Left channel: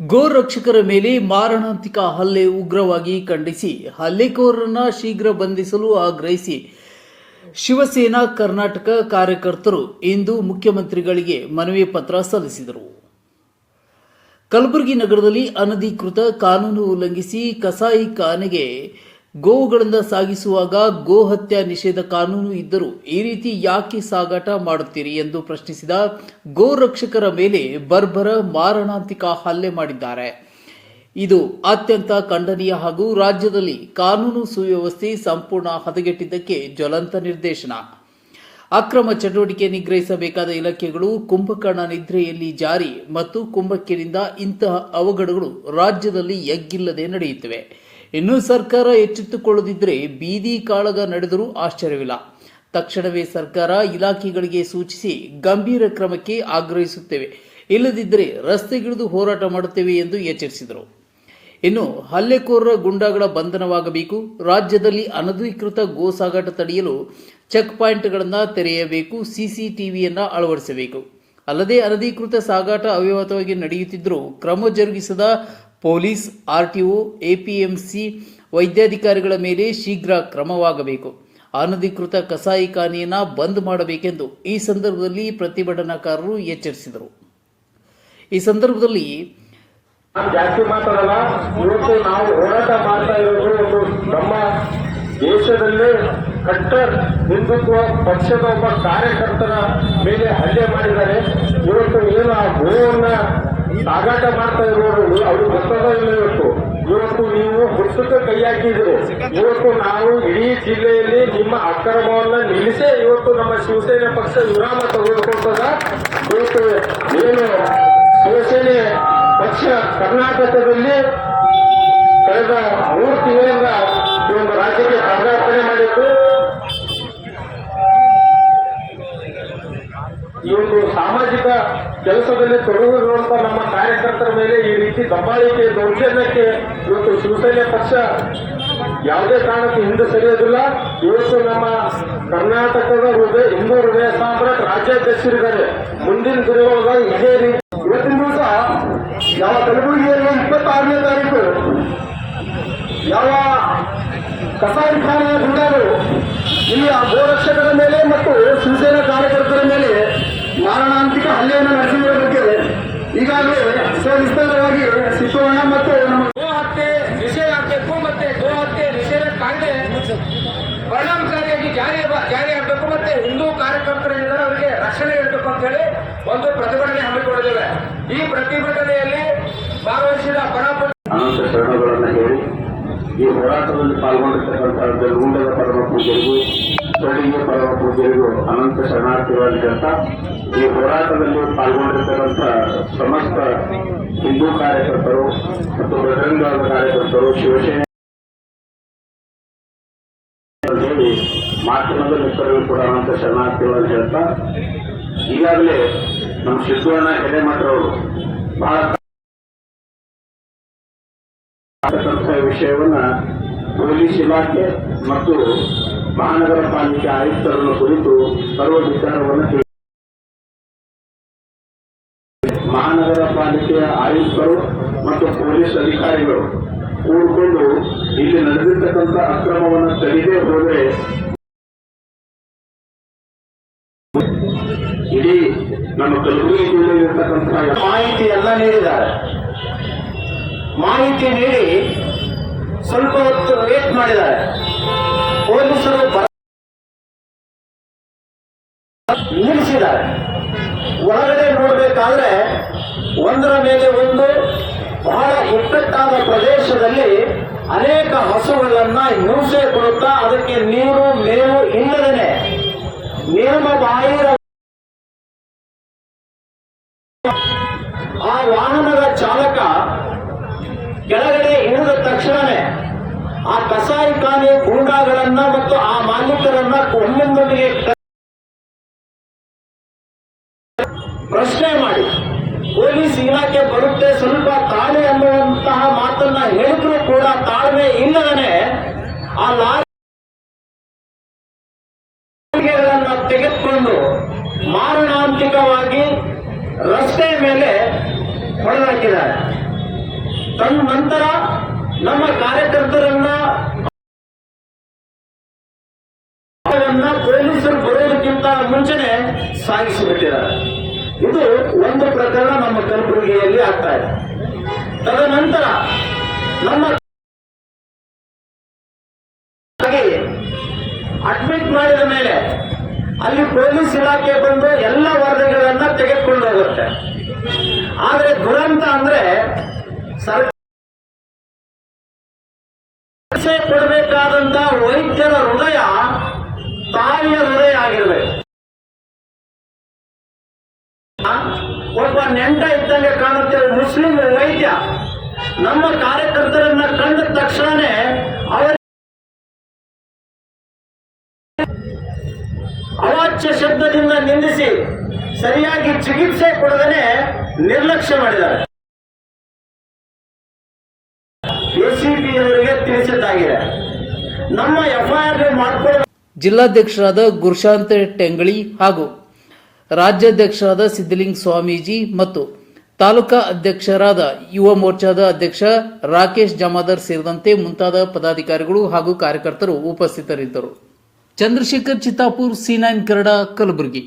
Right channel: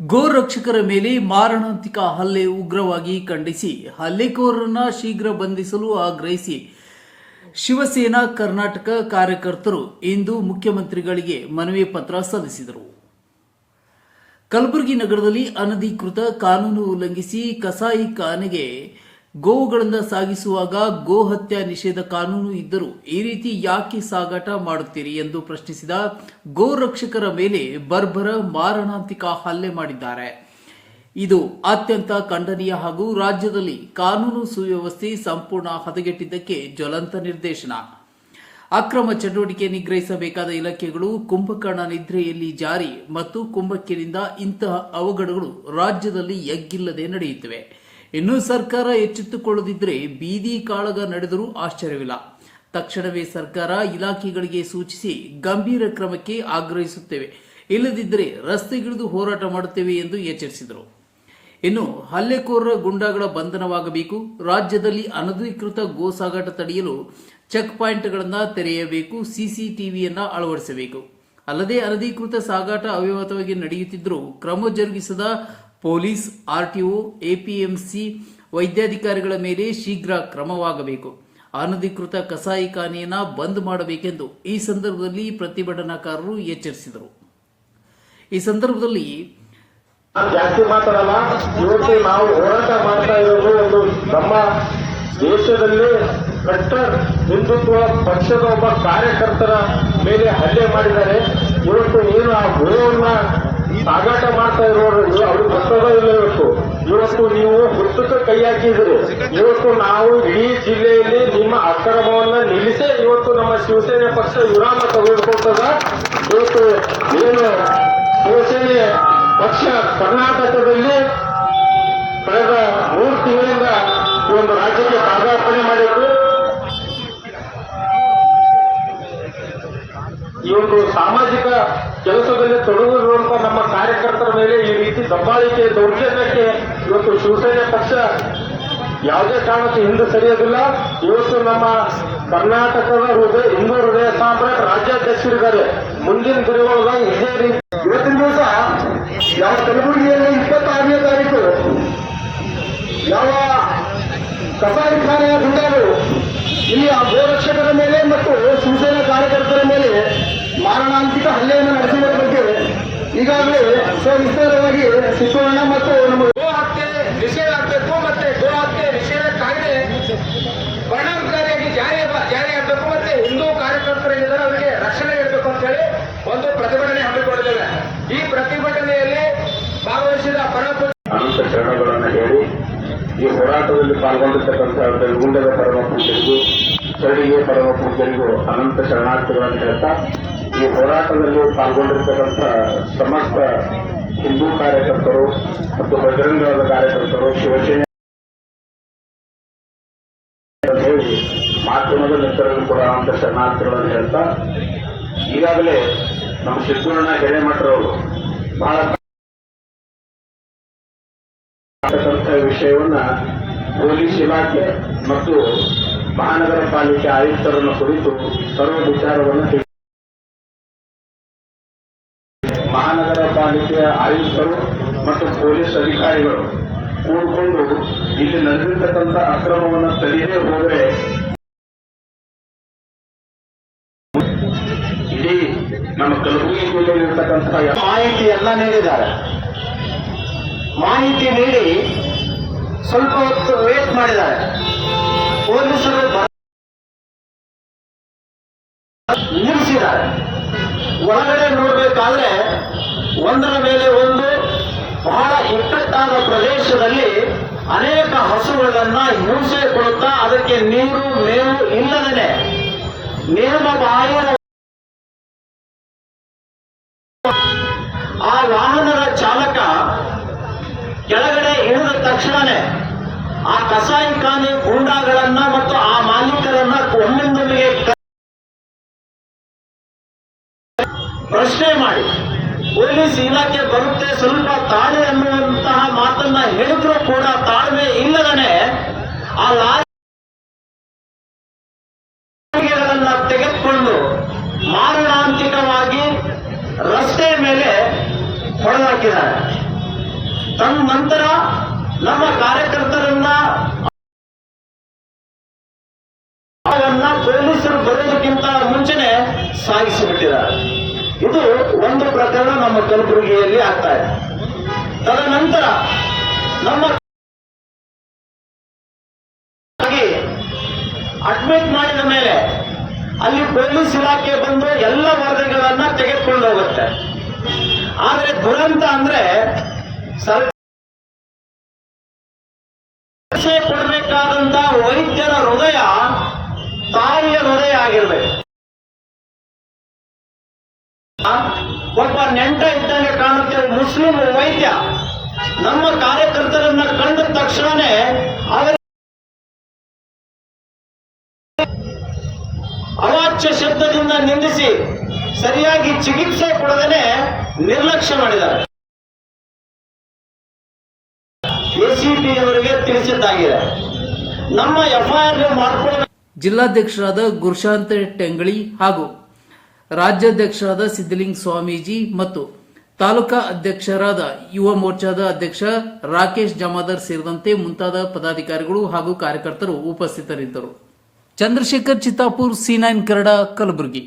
ಗೋರಕ್ಷಕರ ಮೇಲೆ ಮಾರಣಾಂತಿಕ ಹಲ್ಲೆ ಉಗ್ರವಾಗಿ ಖಂಡಿಸಿ ಹಲ್ಲೆಕೋರರನ್ನು ಶೀಘ್ರ ಬಂಧಿಸಲು ಆಗ್ರಹಿಸಿ ಶಿವಸೇನಾ ಕರ್ನಾಟಕ ಕಾರ್ಯಕರ್ತರು ಇಂದು ಮುಖ್ಯಮಂತ್ರಿಗಳಿಗೆ ಮನವಿ ಪತ್ರ ಸಲ್ಲಿಸಿದರು. ಕಲಬುರಗಿ ನಗರದಲ್ಲಿ ಅನಧಿಕೃತ ಕಾನೂನು ಉಲ್ಲಂಘಿಸಿ ಕಸಾಯಿಖಾನೆಗೆ ಗೋವುಗಳನ್ನು ಸಾಗಿಸುವಾಗ ಗೋ ಹತ್ಯೆ ನಿಷೇಧ ಕಾನೂನು ಇದ್ದರೂ ಈ ರೀತಿ ಯಾಕೆ ಸಾಗಾಟ ಮಾಡುತ್ತೀರಿ ಎಂದು ಪ್ರಶ್ನಿಸಿದ ಗೋರಕ್ಷಕರ ಮೇಲೆ ಬರ್ಬರ ಮಾರಣಾಂತಿಕ ಹಲ್ಲೆ ಮಾಡಿದ್ದಾರೆ. ಇದು ಅತ್ಯಂತ ಖಂಡನೀಯ ಹಾಗೂ ರಾಜ್ಯದಲ್ಲಿ ಕಾನೂನು ಸುವ್ಯವಸ್ಥೆ ಸಂಪೂರ್ಣ ಹದಗೆಟ್ಟಿದ್ದಕ್ಕೆ ಜ್ವಲಂತ ನಿರ್ದೇಶನ. ಅಕ್ರಮ ಚಟುವಟಿಕೆ ನಿಗ್ರಹಿಸಬೇಕಾದ ಇಲಾಖೆಗಳು ಕುಂಭಕರ್ಣ ನಿದ್ರೆಯಲ್ಲಿ ಜಾರಿ ಮತ್ತು ಕುಂಭಕ್ಕಿನಿಂದ ಇಂತಹ ಅವಘಡಗಳು ರಾಜ್ಯದಲ್ಲಿ ಎಗ್ಗಿಲ್ಲದೆ ನಡೆಯುತ್ತಿವೆ. ಇನ್ನು ಸರ್ಕಾರ ಎಚ್ಚೆತ್ತುಕೊಳ್ಳದಿದ್ದರೆ ಬೀದಿ ಕಾಳಗ ನಡೆದರೂ ಆಶ್ಚರ್ಯವಿಲ್ಲ. ತಕ್ಷಣವೇ ಸರ್ಕಾರ ಇಲಾಖೆಗಳಿಗೆ ಸೂಚಿಸಿ ಗಂಭೀರ ಕ್ರಮಕ್ಕೆ ಆಗ್ರಹಿಸುತ್ತೇವೆ, ಇಲ್ಲದಿದ್ದರೆ ರಸ್ತೆಗಿಳಿದು ಹೋರಾಟ ಮಾಡುತ್ತೇವೆ ಎಂದು ಎಚ್ಚರಿಸಿದರು. ಇನ್ನು ಹಲ್ಲೆಕೋರರ ಗುಂಡಾಗಳ ಬಂಧನವಾಗಬೇಕು, ರಾಜ್ಯದಲ್ಲಿ ಅನಧಿಕೃತ ಗೋ ಸಾಗಾಟ ತಡೆಯಲು ಚೆಕ್ ಪಾಯಿಂಟ್ಗಳನ್ನು ತೆರೆಯಬೇಕು, ಸಿಸಿಟಿವಿಯನ್ನು ಅಳವಡಿಸಬೇಕು. ಅಲ್ಲದೆ ಅನಧಿಕೃತ ಸಾಗಾಟ ಅವ್ಯವಹಿತವಾಗಿ ನಡೆಯುತ್ತಿದ್ದರೂ ಕ್ರಮ ಜರುಗಿಸದ ಪೊಲೀಸ್, ಆರ್ಟಿಒ, ಎಪಿಎಂಸಿ ವೈದ್ಯಾಧಿಕಾರಿಗಳ ಮೇಲೆ ಶೀಘ್ರ ಕ್ರಮವಾಗಬೇಕು. ಅನಧಿಕೃತ ಕಸಾಯಿಖಾನೆಯನ್ನು ಬಂದ್ ಮಾಡಬೇಕೆಂದು ಈ ಸಂದರ್ಭದಲ್ಲಿ ಪ್ರತಿಭಟನಾಕಾರರು ಎಚ್ಚರಿಸಿದರು. ಈ ಸಂದರ್ಭದಲ್ಲಿ ಜಾಸ್ತಿ ಮಾತಾಡಲ್ಲ. ಇವತ್ತು ನಾವು ಹೋರಾಟ ಮಾಡ್ತಾ ಇರೋದು ಒಂದು ನಮ್ಮ ದೇಶದಲ್ಲೇ ಕಟ್ಟರ್ ಹಿಂದುತ್ವ ಪಕ್ಷದ ಒಬ್ಬ ಕಾರ್ಯಕರ್ತರ ಮೇಲೆ ಹಲ್ಲೆ ಮಾಡಿದ್ದಾರೆ. ಇವತ್ತು ಏನು ಆ ಗೋವನ್ನ ಸಾಗಾಟ ಮಾಡ್ತಾ ಇರೋರು ಅದು ಗೊತ್ತದ ಇಲ್ಲ. ಇವತ್ತು ನೀವು ಹುಟ್ಟಕ್ಕೆ ಕೈ ಹಾಕಿದ್ರು. ಇವತ್ತು ನಾವು ಇಡೀ ಜಿಲ್ಲೆಯಲ್ಲಿ ನಿಮ್ಮ ಅಕ್ರಮವನ್ನ ನಿಲ್ಲಿಸೇ ಇವತ್ತು ನಮ್ಮ ಶಿವಸೇನೆ ಪಕ್ಷ ವಿರಾಮ ತೆಗೆದುಕೊಳ್ತದ. ಇವತ್ತು ಏನು ಶಿವಸೇನೆ ಪಕ್ಷ ಕರ್ನಾಟಕದಲ್ಲಿ ಕಳೆದ 3 ತಿಂಗಳಿಂದ ಈ ಒಂದು ರಾಜ್ಯಕ್ಕೆ ಪಾದಾರ್ಪಣೆ ಮಾಡಿದ್ದು. ಈ ಒಂದು ಸಾಮಾಜಿಕ ಕೆಲಸದಲ್ಲಿ ತೊಡಗಿರುವಂತಹ ನಮ್ಮ ಕಾರ್ಯಕರ್ತರ ಮೇಲೆ ಈ ರೀತಿ ದಬ್ಬಾಳಿಕೆ ದೌರ್ಜನ್ಯಕ್ಕೆ ಇವತ್ತು ಶಿವಸೇನೆ ಪಕ್ಷ ಯಾವುದೇ ಕಾರಣಕ್ಕೆ ಹಿಂದೆ ಸರಿಯೋದಿಲ್ಲ. ಇವತ್ತು ನಮ್ಮ ಕರ್ನಾಟಕದ ಹಿಂದೂ ಹೃದಯ ಸಾಮ್ರಾಟ್ ರಾಜ್ಯಾಧ್ಯಕ್ಷರಿದ್ದಾರೆ. ಮುಂದಿನ ದಿನಗಳ ಇದೇ ರೀತಿ ಇವತ್ತಿನ ದಿವಸ ಯಾವ ಕಲಬುರಗಿಯಲ್ಲಿ 26ನೇ ತಾರೀಕು ಯಾವ ಕಸಾಯಿಖಾನೆಯ ಗುಂಡಾಗಳು ಇಲ್ಲಿ ಆ ಗೋರಕ್ಷಕರ ಮೇಲೆ ಮತ್ತು ಶಿವಸೇನಾ ಕಾರ್ಯಕರ್ತರ ಮೇಲೆ ಮಾರಣಾಂತಿಕ ಹಲ್ಲೆಯನ್ನು ನಡೆಸಿದ ಬಗ್ಗೆ ಈಗಾಗಲೇ ಸವಿಸ್ತಾರವಾಗಿ ಸಿದ್ದಣ್ಣ ಮತ್ತು ನಮ್ಮ ಗೋ ಹತ್ಯೆ ನಿಷೇಧ ಆಗಬೇಕು ಮತ್ತೆ ಗೋ ಹತ್ಯೆ ನಿಷೇಧ ಕಾಯ್ದೆ ಪರಿಣಾಮಕಾರಿಯಾಗಿ ಜಾರಿಯಾಗಬೇಕು ಮತ್ತೆ ಹಿಂದೂ ಕಾರ್ಯಕರ್ತರೇನಿದ್ದಾರೆ ಅವರಿಗೆ ರಕ್ಷಣೆ ನೀಡಬೇಕು ಅಂತ ಹೇಳಿ ಒಂದು ಪ್ರತಿಭಟನೆ ಹಮ್ಮಿಕೊಂಡಿದ್ದೇವೆ. ಈ ಪ್ರತಿಭಟನೆಯಲ್ಲಿ ಭಾಗವಹಿಸಿದ ಅನಂತ ಶರಣಗಳನ್ನು ಹೇಳಿ ಈ ಹೋರಾಟದಲ್ಲಿ ಪಾಲ್ಗೊಂಡಿರ್ತಕ್ಕಂಥ ಜಲಗುಂಡದ ಪರಮ ಪೂಜೆಗೂ ಸ್ಥಳೀಯ ಪರಮ ಪೂಜೆಗೂ ಅನಂತ ಶರಣಾರ್ಥಿಗಳನ್ನು ಹೇಳ್ತಾ ಈ ಹೋರಾಟದಲ್ಲಿ ಪಾಲ್ಗೊಂಡಿರ್ತಕ್ಕಂಥ ಸಮಸ್ತ ಹಿಂದೂ ಕಾರ್ಯಕರ್ತರು ಮತ್ತು ಬಜರಂಗದ ಕಾರ್ಯಕರ್ತರು ಶಿವಸೇನೆ ಹೇಳಿ ಮಾಧ್ಯಮದ ಮಿತ್ರರು ಕೂಡ ಅನಂತ ಶರಣಾರ್ಥಿಗಳನ್ನು ಹೇಳ್ತಾ ಈಗಾಗಲೇ ನಮ್ಮ ಸಿದ್ದಣ್ಣ ಹಿರೇಮಠರವರು ಬಹಳ ವಿಷಯವನ್ನ ಪೊಲೀಸ್ ಇಲಾಖೆ ಮತ್ತು ಮಹಾನಗರ ಪಾಲಿಕೆ ಆಯುಕ್ತರನ್ನು ಕುರಿತು ಸರ್ವ ವಿಚಾರವನ್ನು ಮಹಾನಗರ ಪಾಲಿಕೆಯ ಆಯುಕ್ತರು ಮತ್ತು ಪೊಲೀಸ್ ಅಧಿಕಾರಿಗಳು ಕೂಡಿಕೊಂಡು ಇಲ್ಲಿ ನಡೆದಿರ್ತಕ್ಕಂಥ ಅಕ್ರಮವನ್ನು ತಡೆಯದೇ ಹೋದರೆ ಇಡೀ ನಮ್ಮ ಕಲಬುರಗಿ ಜಿಲ್ಲೆಯಲ್ಲಿರ್ತಕ್ಕಂಥ ಮಾಹಿತಿಯನ್ನ ನೀಡಿದ್ದಾರೆ. ಮಾಹಿತಿ ನೀಡಿ ಸ್ವಲ್ಪ ಹೊತ್ತು ವೇಟ್ ಮಾಡಿದ್ದಾರೆ. ಪೊಲೀಸರು ನಿಲ್ಲಿಸಿದ್ದಾರೆ. ಒಳಗಡೆ ನೋಡಬೇಕಾದ್ರೆ ಒಂದರ ಮೇಲೆ ಒಂದು ಬಹಳ ಇಕ್ಕಟ್ಟಾದ ಪ್ರದೇಶದಲ್ಲಿ ಅನೇಕ ಹಸುಗಳನ್ನ ಹಿಂಸೆ ಕೊಡುತ್ತಾ ಅದಕ್ಕೆ ನೀರು ಮೇವು ಇಲ್ಲದೇನೆ ನೇಮ ಬಾಹಿರ ಆ ವಾಹನದ ಚಾಲಕ ಕೆಳಗಡೆ ಇಳಿದ ತಕ್ಷಣವೇ ಆ ಕಸಾಯಿಖಾನೆ ಗೂಂಡಾಗಳನ್ನ ಮತ್ತು ಆ ಮಾಲೀಕರನ್ನ ಒಮ್ಮಿಂದೊಮ್ಮೆಗೆ ಪ್ರಶ್ನೆ ಮಾಡಿ ಪೊಲೀಸ್ ಇಲಾಖೆ ಬರುತ್ತೆ ಸ್ವಲ್ಪ ತಾಳ್ಮೆ ಅನ್ನುವಂತಹ ಮಾತನ್ನ ಹೇಳಿದ್ರೂ ಕೂಡ ತಾಳ್ಮೆ ಇಲ್ಲದನೆ ಆ ಲಾರಿಗಳನ್ನ ತೆಗೆದುಕೊಂಡು ಮಾರಣಾಂತಿಕವಾಗಿ ರಸ್ತೆ ಮೇಲೆ ಹೊಡೆದಾಕಿದ್ದಾರೆ. ತದನಂತರ ನಮ್ಮ ಕಾರ್ಯಕರ್ತರನ್ನ ಪೊಲೀಸರು ಬರೋದಕ್ಕಿಂತ ಮುಂಚೆನೆ ಸಾಗಿಸಿಬಿಟ್ಟಿದ್ದಾರೆ. ಇದು ಒಂದು ಪ್ರಕರಣ ನಮ್ಮ ಕಲಬುರಗಿಯಲ್ಲಿ ಆಗ್ತಾ ಇದೆ. ತದನಂತರ ನಮ್ಮ ಅಡ್ಮಿಟ್ ಮಾಡಿದ ಮೇಲೆ ಅಲ್ಲಿ ಪೊಲೀಸ್ ಇಲಾಖೆ ಬಂದು ಎಲ್ಲ ವರದಿಗಳನ್ನ ತೆಗೆದುಕೊಂಡು ಹೋಗುತ್ತೆ. ಆದರೆ ದುರಂತ ಅಂದ್ರೆ ಸರ್ಕಾರ ಕೊಡಬೇಕಾದಂತ ವೈದ್ಯರ ಹೃದಯ ತಾಯಿಯ ಹೃದಯ ಆಗಿರಬೇಕು. ಒಬ್ಬ ನೆಂಟ ಇದ್ದಂಗೆ ಕಾಣುತ್ತೆ ಮುಸ್ಲಿಂ ವೈದ್ಯ ನಮ್ಮ ಕಾರ್ಯಕರ್ತರನ್ನ ಕಂಡ ತಕ್ಷಣನೇ ಅವರ ಅವಾಚ್ಯ ಶಬ್ದದಿಂದ ನಿಂದಿಸಿ ಸರಿಯಾಗಿ ಚಿಕಿತ್ಸೆ ಕೊಡದೇನೆ ನಿರ್ಲಕ್ಷ್ಯ ಮಾಡಿದ್ದಾರೆ. ಎಸಿಪಿ ಅವರಿಗೆ ತಿಳಿಸಿದ್ದಾಗಿದೆ. ನಮ್ಮ ಎಫ್ಐಆರ್ ಮಾಡಿಕೊಳ್ಳ ಜಿಲ್ಲಾಧ್ಯಕ್ಷರಾದ ಗುರುಶಾಂತ್ ಟೆಂಗಳಿ ಹಾಗೂ ರಾಜ್ಯಾಧ್ಯಕ್ಷರಾದ ಸಿದ್ದಲಿಂಗ ಸ್ವಾಮೀಜಿ ಮತ್ತು ತಾಲೂಕಾ ಅಧ್ಯಕ್ಷರಾದ ಯುವ ಮೋರ್ಚಾದ ಅಧ್ಯಕ್ಷ ರಾಕೇಶ್ ಜಮಾದಾರ್ ಸೇರಿದಂತೆ ಮುಂತಾದ ಪದಾಧಿಕಾರಿಗಳು ಹಾಗೂ ಕಾರ್ಯಕರ್ತರು ಉಪಸ್ಥಿತರಿದ್ದರು. ಚಂದ್ರಶೇಖರ್ ಚಿತ್ತಾಪುರ್, C9 ಕನ್ನಡ, ಕಲಬುರಗಿ.